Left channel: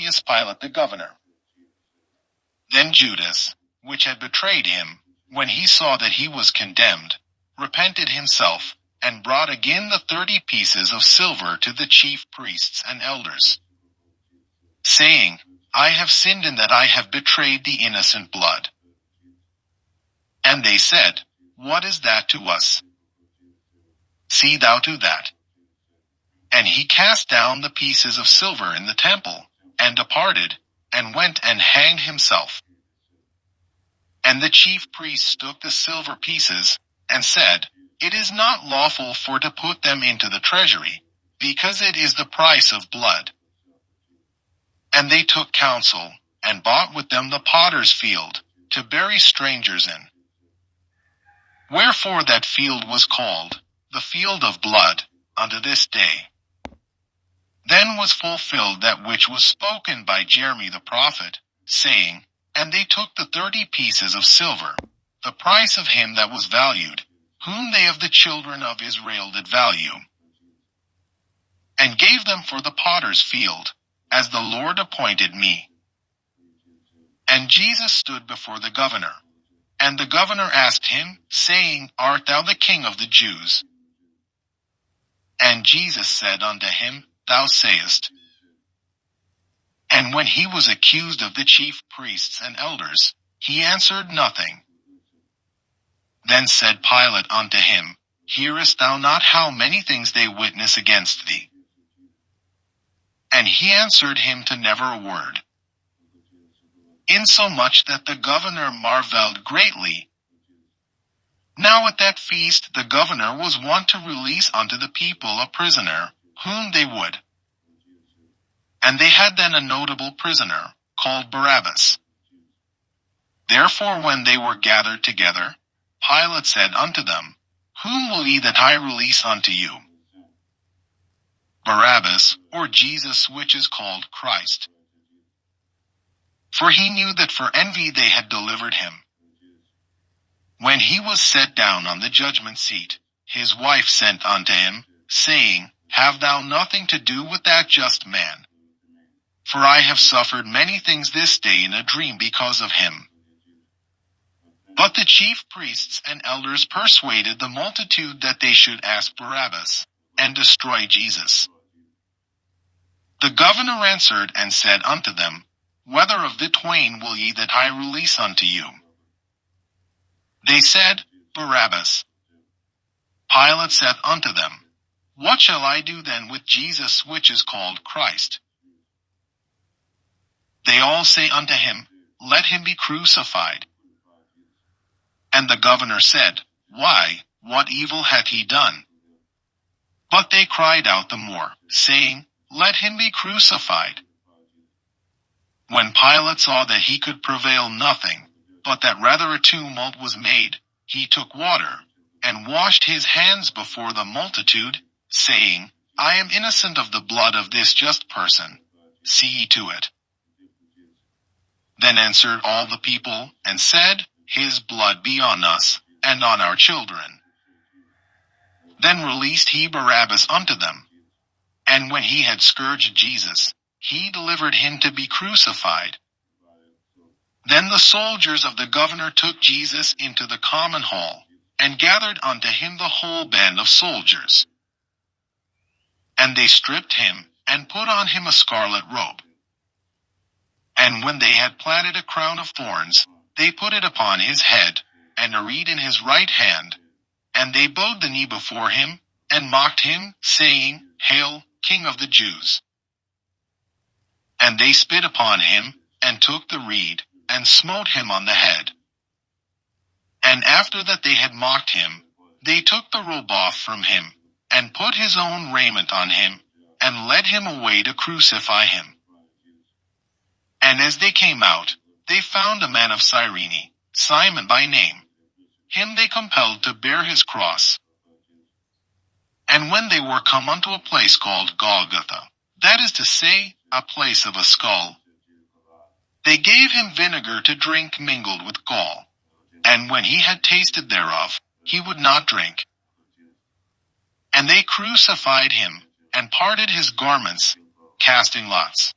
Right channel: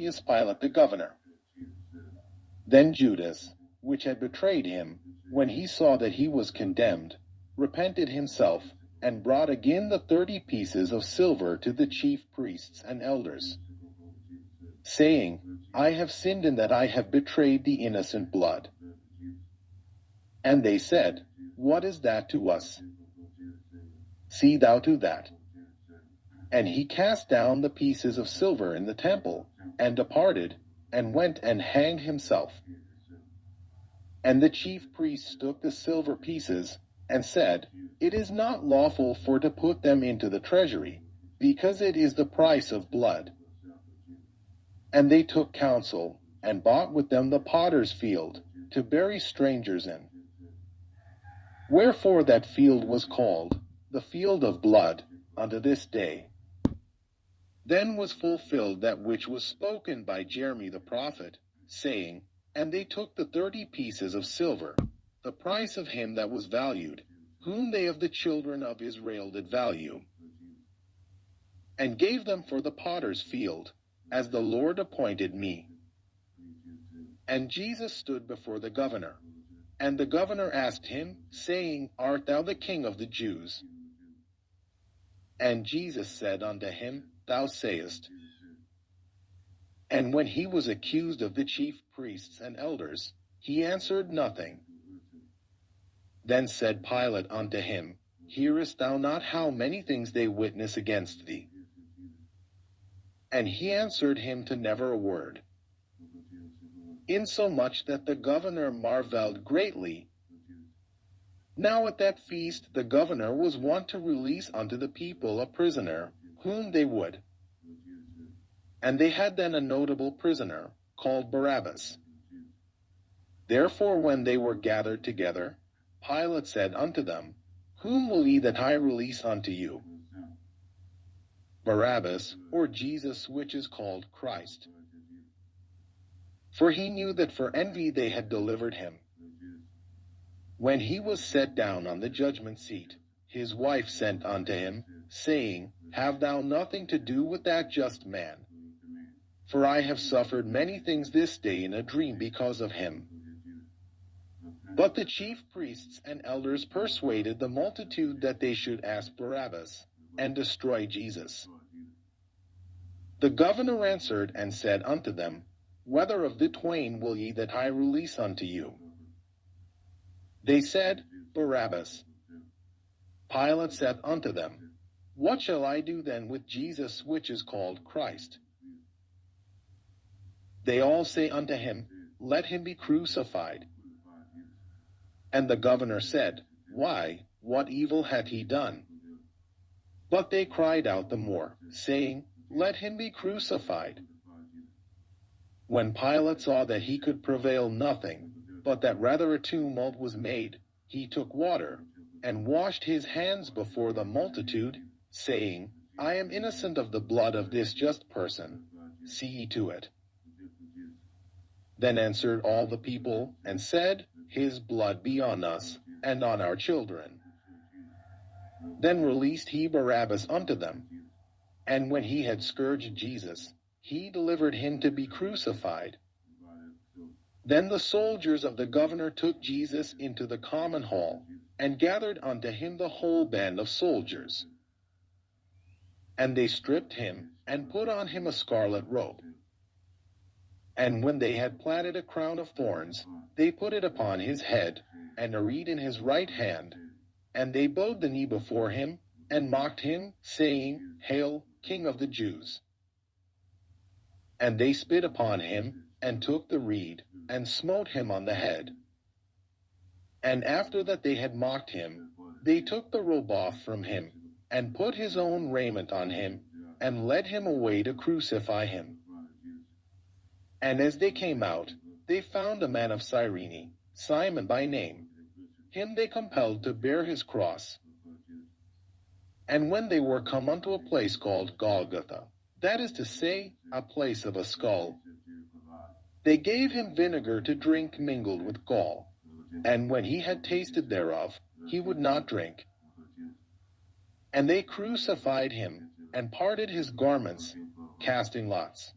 Pontius Pilate the governor. Then Judas, which had betrayed him, when he saw that he was condemned, repented himself, and brought again the 30 pieces of silver to the chief priests and elders, saying, I have sinned in that I have betrayed the innocent blood. And they said, What is that to us? See thou to that. And he cast down the pieces of silver in the temple, and departed, and went and hanged himself. And the chief priests took the silver pieces, and said, It is not lawful for to put them into the treasury, because it is the price of blood. And they took counsel, and bought with them the potter's field, to bury strangers in. Wherefore that field was called, the field of blood, unto this day. Then was fulfilled that which was spoken by Jeremy the prophet, saying, And they took the 30 pieces of silver, the price of him that was valued, whom they of the children of Israel did value, and gave them for the potter's field, as the Lord appointed me. And Jesus stood before the governor. And the governor asked him, saying, Art thou the king of the Jews? And Jesus said unto him, Thou sayest. And when he was accused of the chief priests and elders, he answered nothing. Then said Pilate unto him, Hearest thou not how many things they witness against thee? And he answered him to never a word. Insomuch that the governor marveled greatly. Now at that feast the governor was wont to release unto the people a prisoner, whom they would. And they had then a notable prisoner, called Barabbas. Therefore when they were gathered together, Pilate said unto them, Whom will ye that I release unto you? Barabbas, or Jesus which is called Christ? For he knew that for envy they had delivered him. When he was set down on the judgment seat, his wife sent unto him, saying, Have thou nothing to do with that just man? For I have suffered many things this day in a dream because of him. But the chief priests and elders persuaded the multitude that they should ask Barabbas, and destroy Jesus. The governor answered and said unto them, Whether of the twain will ye that I release unto you? They said, Barabbas. Pilate said unto them, What shall I do then with Jesus which is called Christ? They all say unto him, Let him be crucified. And the governor said, Why, what evil hath he done? But they cried out the more, saying, Let him be crucified. When Pilate saw that he could prevail nothing, but that rather a tumult was made, he took water, and washed his hands before the multitude, saying, I am innocent of the blood of this just person. See ye to it. Then answered all the people, and said, His blood be on us, and on our children. Then released he Barabbas unto them. And when he had scourged Jesus, he delivered him to be crucified. Then the soldiers of the governor took Jesus into the common hall, and gathered unto him the whole band of soldiers. And they stripped him, and put on him a scarlet robe. And when they had platted a crown of thorns, they put it upon his head, and a reed in his right hand. And they bowed the knee before him, and mocked him, saying, Hail, King of the Jews! And they spit upon him, and took the reed, and smote him on the head. And after that they had mocked him, they took the robe off from him, and put his own raiment on him, and led him away to crucify him. And as they came out, they found a man of Cyrene, Simon by name. Him they compelled to bear his cross. And when they were come unto a place called Golgotha, that is to say, a place of a skull, they gave him vinegar to drink mingled with gall. And when he had tasted thereof, he would not drink. And they crucified him, and parted his garments, casting lots.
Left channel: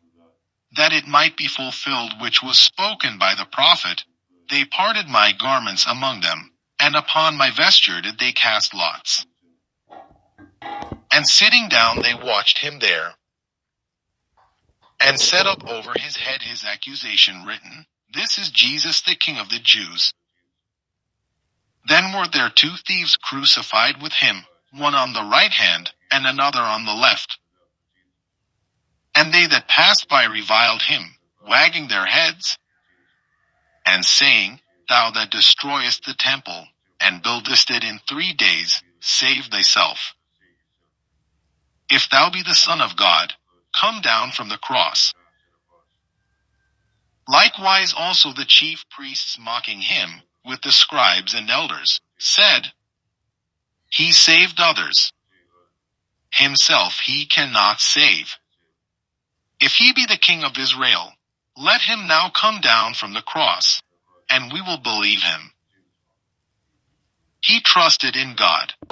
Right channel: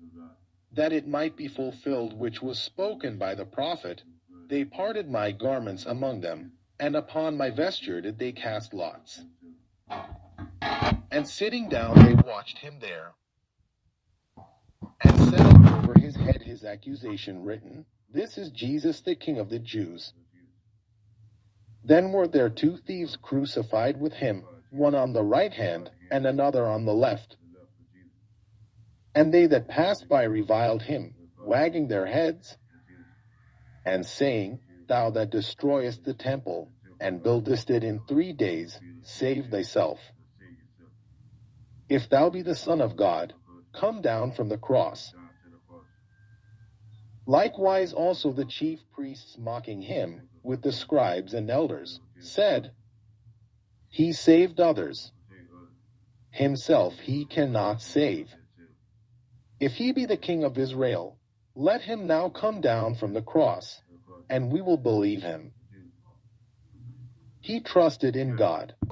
that it might be fulfilled which was spoken by the prophet, they parted my garments among them, and upon my vesture did they cast lots. And sitting down they watched him there, and set up over his head his accusation written, This is Jesus the King of the Jews. Then were there 2 thieves crucified with him, one on the right hand, and another on the left. And they that passed by reviled him, wagging their heads, and saying, Thou that destroyest the temple, and buildest it in 3 days, save thyself. If thou be the Son of God, come down from the cross. Likewise also the chief priests mocking him, with the scribes and elders, said, He saved others. Himself he cannot save. If he be the King of Israel, let him now come down from the cross, and we will believe him. He trusted in God.